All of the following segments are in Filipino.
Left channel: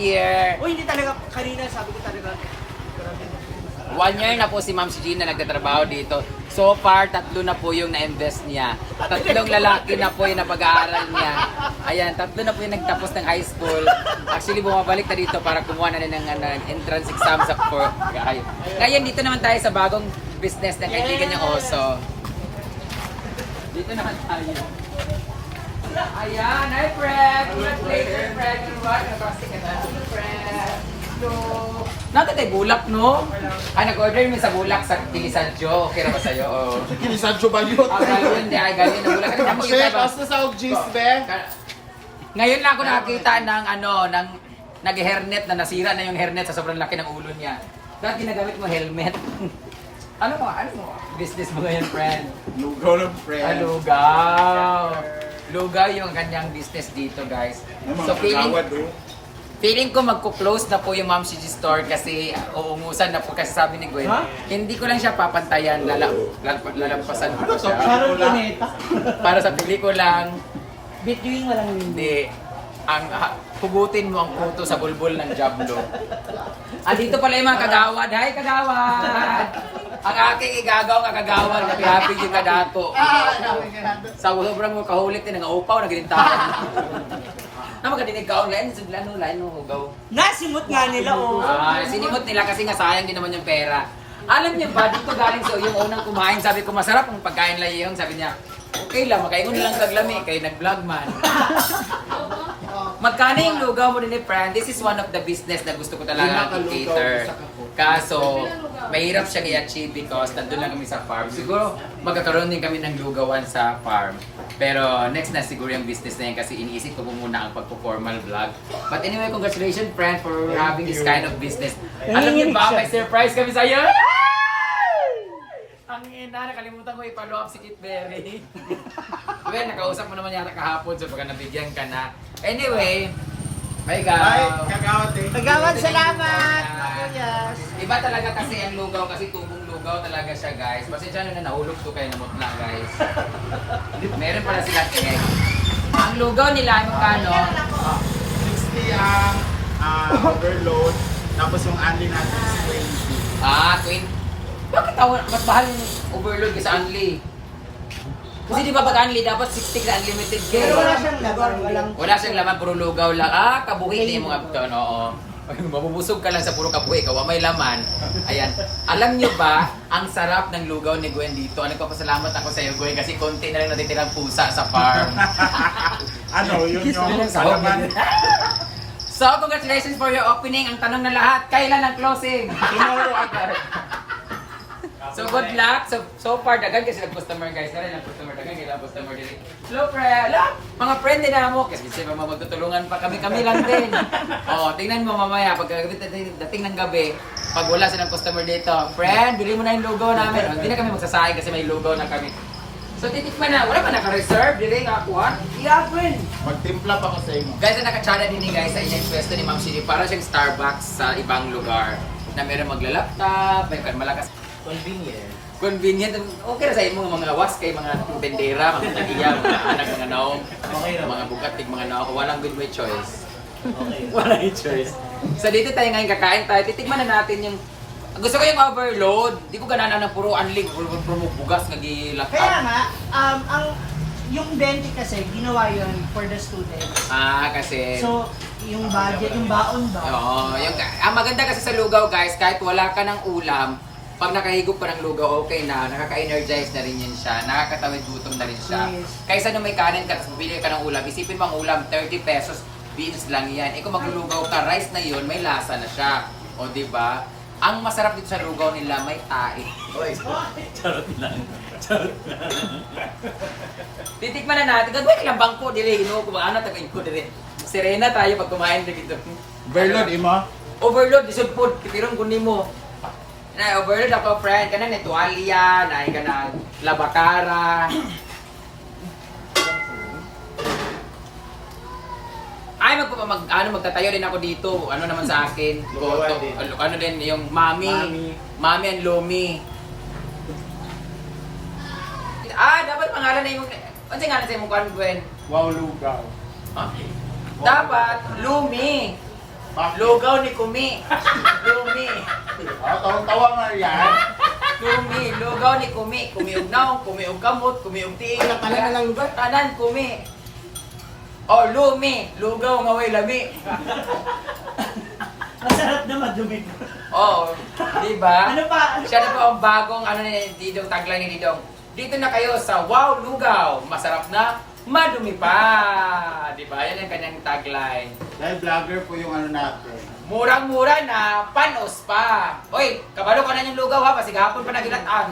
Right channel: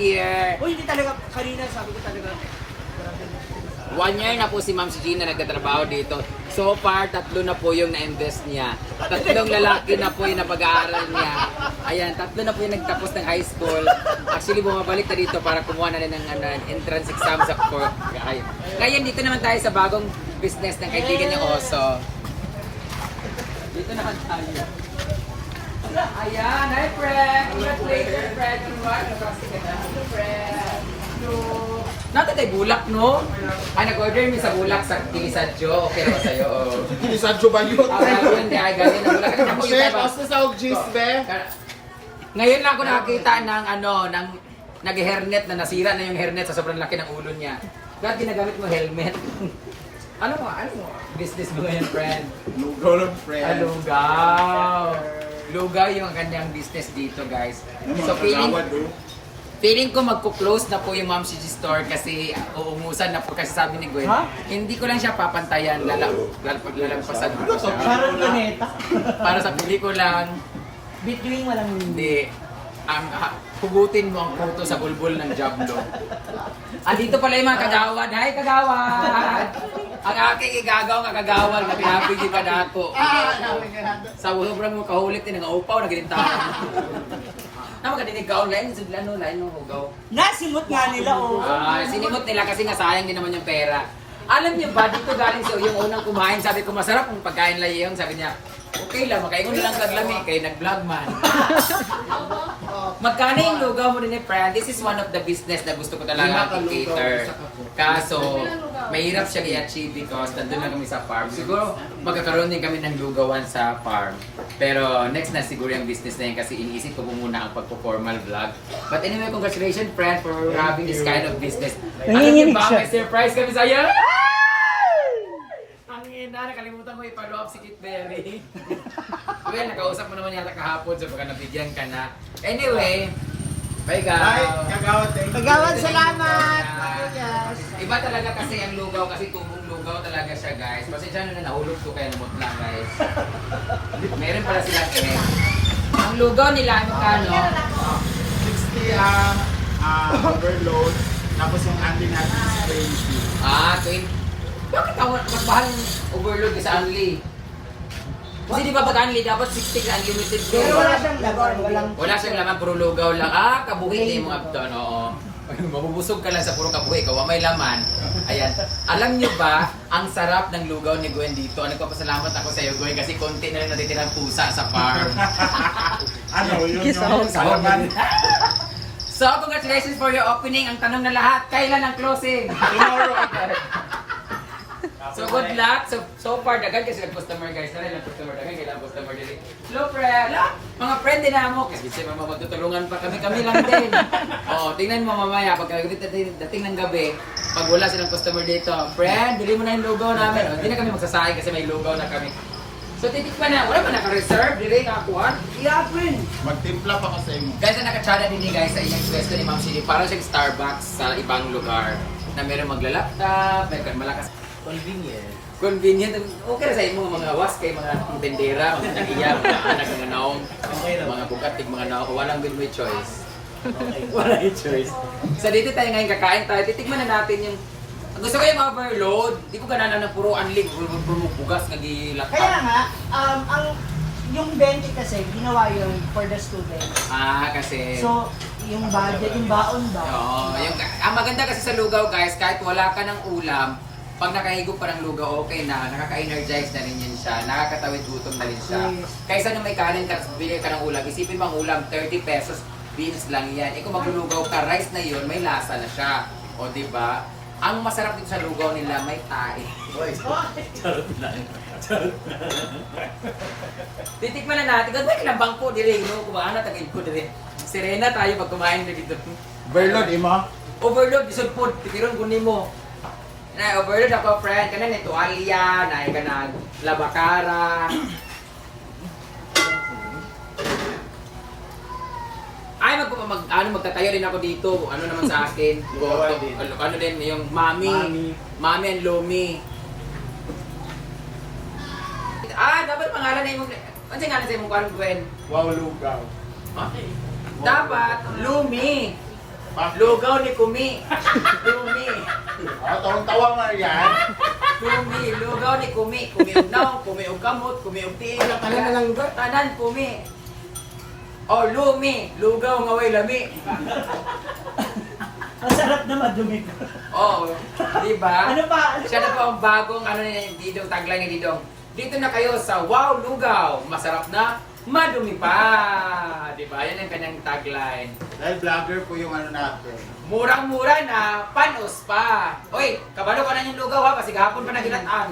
year. Uy, hindi talaga, kanina sabi ko talaga, grabe. 1 year na po si Ma'am Gina nagtatrabaho dito. So far, 3 na po yung na-invest niya. 3 lalaki na po yung napag-aaral niya. Ayan, 3 na po yung nagtapos ng high school. Actually, bumabalik na dito para kumuha na rin ng entrance exam sa court. Ngayon, dito naman tayo sa bagong business ng kaibigan niyang Oso. Dito naman tayo. Ayan, hi Fred! Congratulations, Fred! Nabastik ka na. Hello, Fred! Hello! Nata kay bulak, no? Ay, nag-order mo sa bulak sa Kilisadjo. Okay na ba sa'yo? Kinisadyo ba yun? Galing, di ay galing. Bulak ka na. Kasi, basta sa Ogis, be. Ngayon lang ako nakakita ng ng nag-hairnet na nasira na yung hairnet sa sobrang laki ng ulo niya. Lahat ginagamit mo helmet. Ano mo? Business mo ngayon, friend? Lugaw ng friend. Lugaw. Lugaw yung kanyang business dito, guys. So, feeling ko magko-close na po yung Ma'am Gigi store kasi uungusan na po kasi sabi ni Gwen. Hindi ko lang siya papantayan, lalampasan ko siya. Para sa pelikulang Between walang hindi. Hugutin mo ang puto sa bulbul ng Diablo. Andito pala yung mga kagawad. Hi, kagawad! Ang aking igagaw nga kagawad, nag-happy yung kadako. Sa sobrang mo kahulit din, nag-aupaw, nag-ilintahan. Na magkadinig ka online, lain no hugaw. Nasimot nga nila, oh. Sinimot nila kasi nga sayang din naman yung pera. Alam niyo ba, dito galing sa yung unang kumain, sabi ko masarap ang pagkain lang yung, sabi niya, okay lang, makaingon lang taglami, kay nag-vlog man. Magkano yung lugaw mo din friend? This is one of the business na gusto ko talaga i-cater. Kaso, mahirap siya i-achieve because nandun lang kami sa farm. Siguro, magkakaroon din kami ng lugawan sa farm. Pero next na siguro yung business na yan kasi iniisip ko po muna ang pagpo-formal vlog. But anyway, congratulations friend for having this kind of business. Alam niyo ba, may surprise kami sa iyo? Ang ina, nakalimutan mo i-follow up si Kit Berry. Okay, nakausap mo naman yata kahapon so baka nabigyan ka na. Anyway, bye guys. Bye, kagawad. Kagawad, salamat! Yes. Iba talaga kasi ang lugaw kasi tubong lugaw talaga siya guys. Pasensya na nahulog to kayo namutla guys. Meron pala silang inek. Ang lugaw nila ay magkano? 60 ang overload. Tapos yung only natin is 20. 20. Bakit mas mahal yung overload kasi unli? Kasi di ba pag unli, dapat 60 ka unlimited ka. Pero wala siyang laman, Wala siyang laman, puro lugaw lang. Kabuhi din yung mga ito, oo. Mabubusog ka lang sa puro kabuhi, kawa may laman. Ayan. Alam nyo ba, ang sarap ng lugaw ni Gwen dito. Nagpapasalamat ako sa iyo, Gwen, kasi konti na lang natitirang pusa sa farm. Yun yung salaman. So, congratulations for your opening. Ang tanong na lahat, kailan ang closing? Tomorrow agad. So good luck. So far dagan kasi nag-customer guys. Dali lang customer dagan kailan customer dili. Hello friend. Mga friend din mo kasi siyempre magtutulungan pa kami lang din. Tingnan mo mamaya pag dating ng gabi, pag wala silang customer dito, friend, bili mo na yung lugaw namin. Hindi na kami magsasayang kasi may lugaw na kami. So titikman na, wala pa naka-reserve, dili nga kuha. Yeah, friend. Magtimpla pa kasi mo. Guys, nakachada din guys sa inyong pwesto ni Ma'am Gigi. Para siyang Starbucks sa ibang lugar na meron magla-laptop, may malakas. Convenient. Okay na sa imo mga was kay mga tendera, mga nagiya, mga anak, mga naong, mga bukatig, mga naong. Walang good may choice. Wala yung choice. So dito tayo ngayon kakain tayo. Titikman na natin yung gusto ko yung overload. Di ko ganana ng puro unlig, puro bugas nagilaptop. Kaya nga, yung 20 kasi, ginawa yun for the students. Kasi So, yung budget, yung baon ba? Oo, ang maganda kasi sa lugaw guys, kahit wala ka ng ulam, pag nakahigop ka ng lugaw, okay na, nakaka-energize na rin yan siya, nakakatawid gutom na rin siya. Yes. Kaysa nung may kanin ka, bili ka ng ulam, isipin mo ang ulam, 30 pesos, beans lang yan. Kung maglulugaw ka, rice na yun, may lasa na siya. O diba? Ang masarap dito sa lugaw nila, may tae. Charot lang. Titikman na natin, gagawin ilang bangko, dili, kumaana, tagin ko, dili. Sirena tayo pag kumain dito. Overload, imo? Overload, isod po, pikiron kunin mo. Na overload ako friend, kana ni tuwalya, na ka na labakara. Ay magtatayo din ako dito. Ano naman sa akin? Lugawan din. Ano din yung mami and lomi. Dapat pangalan na yung ano nga sa imong kan Gwen? Wow, lugaw. Dapat lumi. Lugaw ni Kumi. Kumi. Tawang-tawa nga yan. Kumi. Lugaw ni Kumi. Kumi og naong, kumi og kamot, kumi og tiil. Wala pala na lang lugar. Tanan, Kumi. Oh, lumi. Lugaw nga way lami. Masarap na madumi. Oh, di ba? Ano pa? Siya na po ang bagong ano ni Didong, tagline ni Didong. Dito na kayo sa Wow Lugaw. Masarap na, madumi pa. Di ba? Yan ang kanyang tagline. Dahil vlogger po yung ano natin. Murang-mura na, panos pa. Hoy, kabalo ka na yung lugaw ha, kasi gahapon pa nagilataan.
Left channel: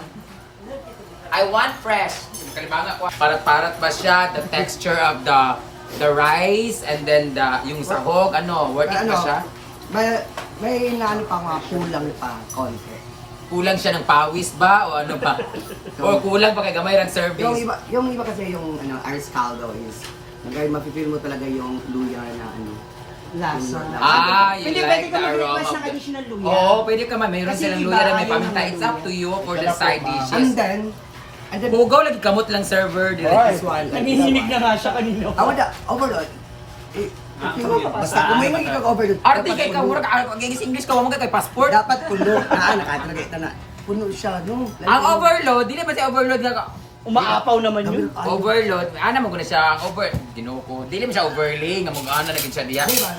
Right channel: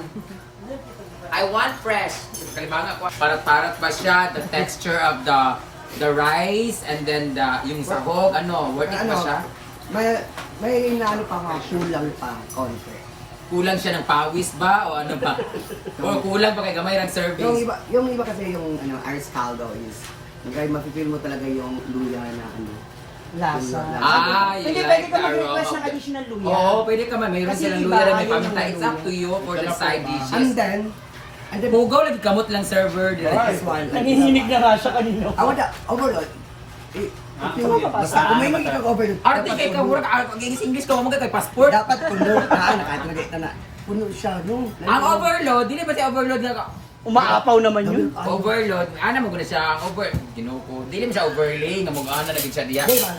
I want fresh. Kalimanga ko. Parat-parat ba siya? The texture of the rice and then yung sahog, ano, worth it ba siya? May inaano pa mga kulang pa, konti. Kulang siya ng pawis ba? O ano ba? O kulang ba kay gamay ng service? Yung iba kasi yung ano, ice caldo is, mapipil mo talaga yung luya na ano. Lasa. Ah, you Hindi, like pwede ka the aroma mag-request of ng the... additional luya. Oo, pwede ka man. Mayroon Kasi silang iba, luya na may ayaw paminta. ng It's luya. up to you for the side And dishes. then, Hugaw lagi kamot lang server. this one. Nanginginig na nga siya kanino. Awada, overload. Basta kung may magiging overload. Arte kay ka, murag agigis English ka, wag kay passport. Dapat puno. Nakatulagay na. Puno siya, no? Ang overload, dili ba si overload nga Umaapaw naman yun. overload? Ana mo guna siya ginuko. Dili mo siya overlay nga mo ana na gid siya diya. Di ba?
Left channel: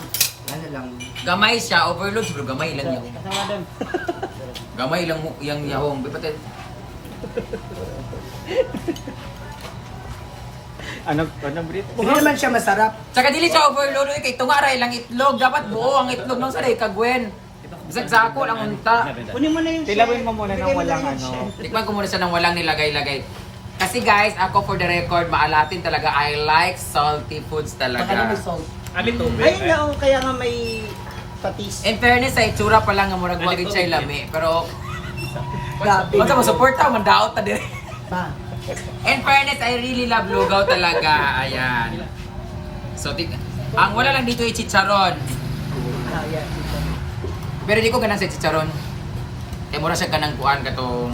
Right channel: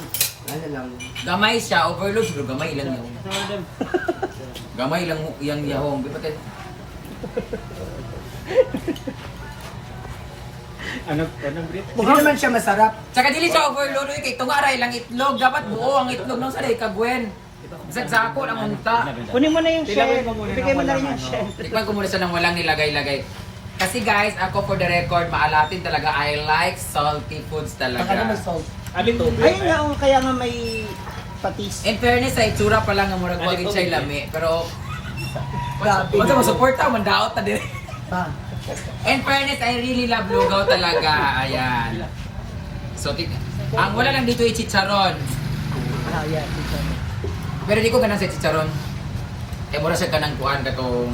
Ano lang. Gamay siya, overload siguro gamay lang yun. Gamay lang yang yahong. Bipaten. Ano, Brit? Hindi naman siya masarap. Tsaka dili siya overload kay tungaray lang itlog. Dapat buo ang itlog nung sa kagwen. Bisag sako lang unta. Kunin mo na yung Tilawin mo muna ng Bigay mo walang na yung ano. chef. Tikman ko muna siya ng walang nilagay-lagay. Kasi guys, ako for the record, maalatin talaga. I like salty foods Baka na may talaga. salt. Alin to, Ayun nga, oh, kaya nga may patis. In fairness, sa itsura pa lang nga murag wagin siya lami. Pero, Grabe. basta mo support ta, mandaot ta din. Pa. In fairness, I really love lugaw talaga. Ayan. So, ang wala lang dito ay chicharon. Pero di ko ganang sa chicharon. Eh, mura siya kanang kuan katong...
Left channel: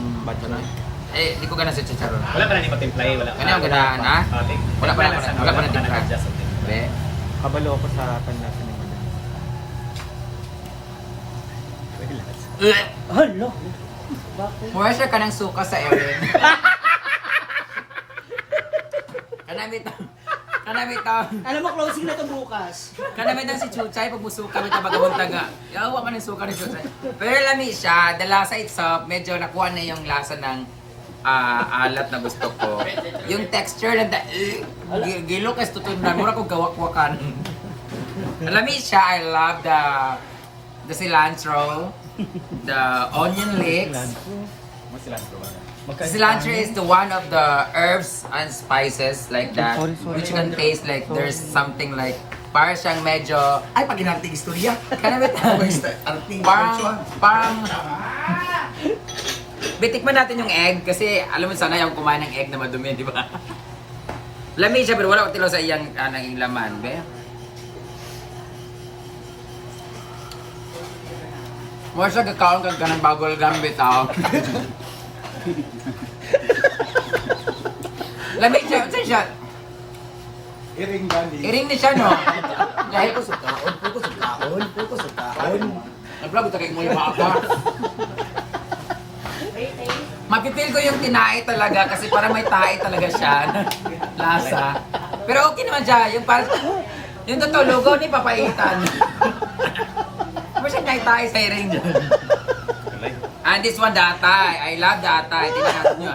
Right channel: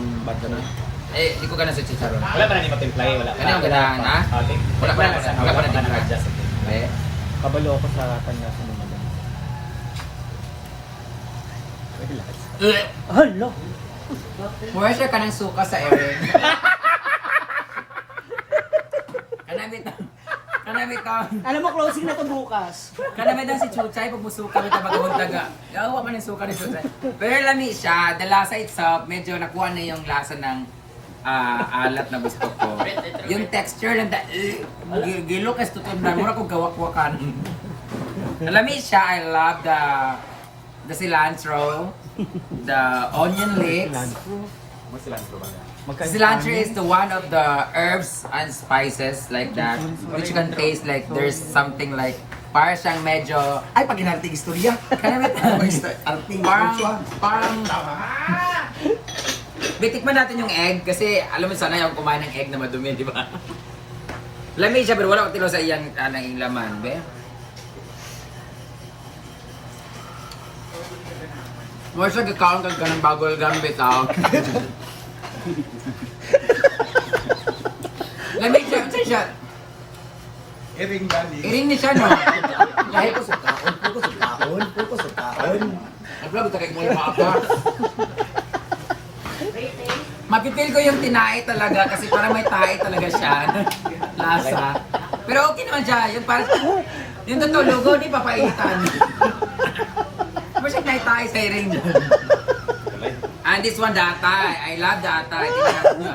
Eh, di ko ganang sa chicharon. Wala pa na ni matimplay, wala. Ano yung ganahan, ha? Wala pa na timpla. Be. Kabalo ako sa kanya sa naman. Relax. Hala. Mura siya kanang suka sa ere. Kanamit ang... Alam mo, closing na to bukas. Kanamit ang si Chuchay pag musuka may tabagabong taga. Yawa man yung suka ni Chuchay. Pero lami siya, the lasa itself, medyo nakuha na yung lasa ng alat na gusto ko. Yung texture lang, gilok as tutunan, mura kong gawak-wakan. Lami siya, I love the cilantro, the onion leeks. Mas cilantro ba? Cilantro is the one of the herbs and spices like that, which can taste like there's something like para siyang medyo Ay, pag inarting istorya. kanamit Arting parang bitikman natin yung egg kasi alam mo sana yung kumain ng egg na madumi, di ba? Lamig siya pero wala ko tilo sa iyang anang laman, be. Mo siya kakaon kag kanang bagol gambit ah. Lamig siya, unsa siya? Iring gani. Iring ni siya no. Kahit Puko sa kaon, puko sa kaon, puko sa kaon. nag-vlog ito kay mo yung maaka. Mapipil ko yung tinae talaga kasi parang may tae talaga siya. Lasa. Pero okay naman siya. Yung parang, yung totoo lugaw ni papaitan. Ano siya may tae sa iring? And this one, the atay. I love the atay. Tingnan natin nyo.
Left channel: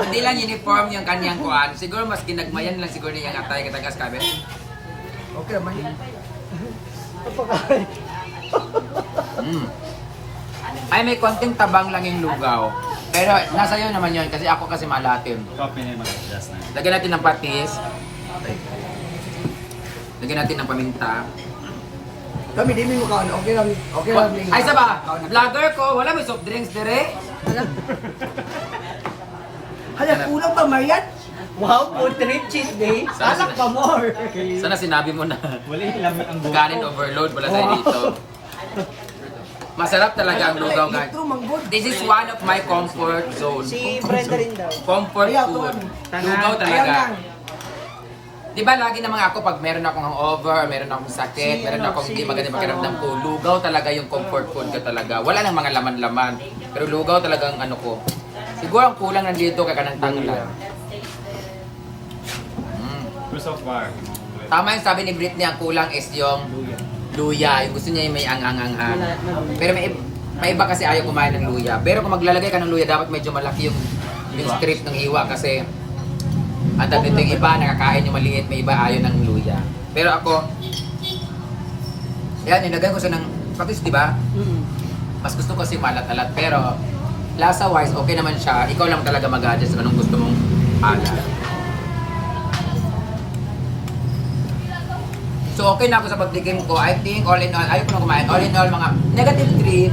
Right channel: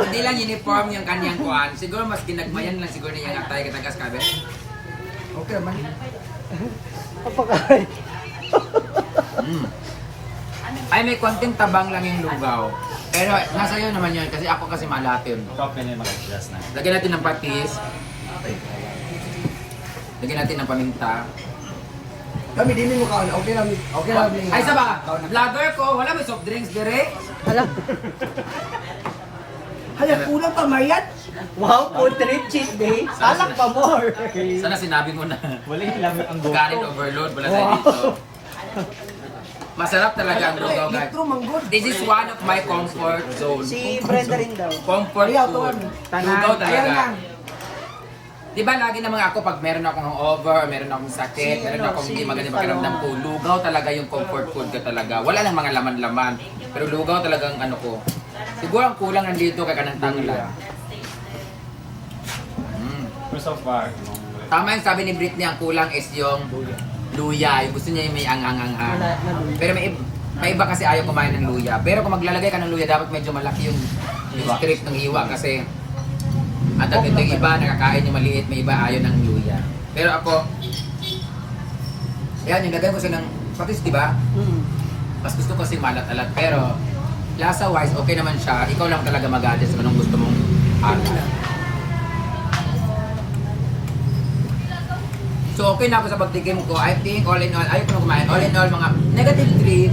Hindi lang uniform yung kanyang kuhan. Siguro mas ginagmayan lang siguro niya yung atay. Katagas kabe. Okay naman. Ay, may konting tabang lang yung lugaw. Pero nasa iyo naman yun kasi ako kasi malatim. Coffee na yung mag-adjust na. Lagyan natin ng patis. Lagyan natin ng paminta. Kami di mo kaon, okay lang. Okay lang. Ay, saba! Vlogger ko, wala may soft drinks dire. Hala. Hala, kulang pa Marian. Wow, food trip cheat day. Alak pa more. Sana sinabi mo na. Wala yung lami ang go. Kanin overload, wala tayo dito. Masarap talaga ang lugaw, guys. Litro manggod. This is one of my comfort zone. Si Brenda rin daw. Comfort Ayaw, food. tuwan. Lugaw Ayaw talaga. lang. Di ba lagi naman ako pag meron akong hangover, meron akong sakit, meron akong hindi magandang pakiramdam ko, lugaw talaga yung comfort food ko talaga. Wala lang mga laman-laman, pero lugaw talaga ang ano ko. Siguro ang kulang nandito kay kanang tanglan. So far. Tama yung sabi ni Britney, ang kulang is yung luya. Yung gusto niya yung may angang-anghan. Pero may iba kasi ayaw kumain ng luya. Pero kung maglalagay ka ng luya, dapat medyo malaki yung strip ng hiwa kasi at yung iba nakakain yung maliit, may iba ayaw ng luya. Pero ako, yan, nilagay ko siya ng patis, di ba? Mas gusto ko kasi malat-alat. Pero lasa-wise, okay naman siya. Ikaw lang talaga mag-adjust kung anong gusto mong alat. So okay na ako sa pagtikim ko. I think all in all, ayaw ko na kumain. All in all, mga negative 3.5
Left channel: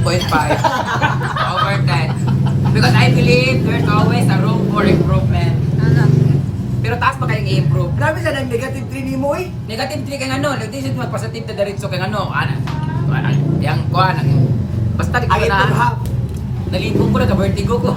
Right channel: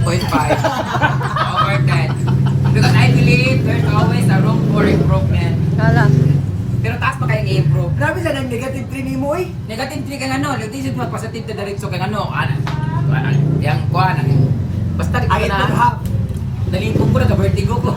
over 10. Because I believe there's always a room for improvement. Pero taas pa kayong i-improve. Grabe sa nang negative 3 ni mo eh. Negative 3 kang ano, nagtisip magpositive to diretso kang ano, yang kuha na. Basta di ko I get to na, have. nalipong ko na, ka-vertigo ko.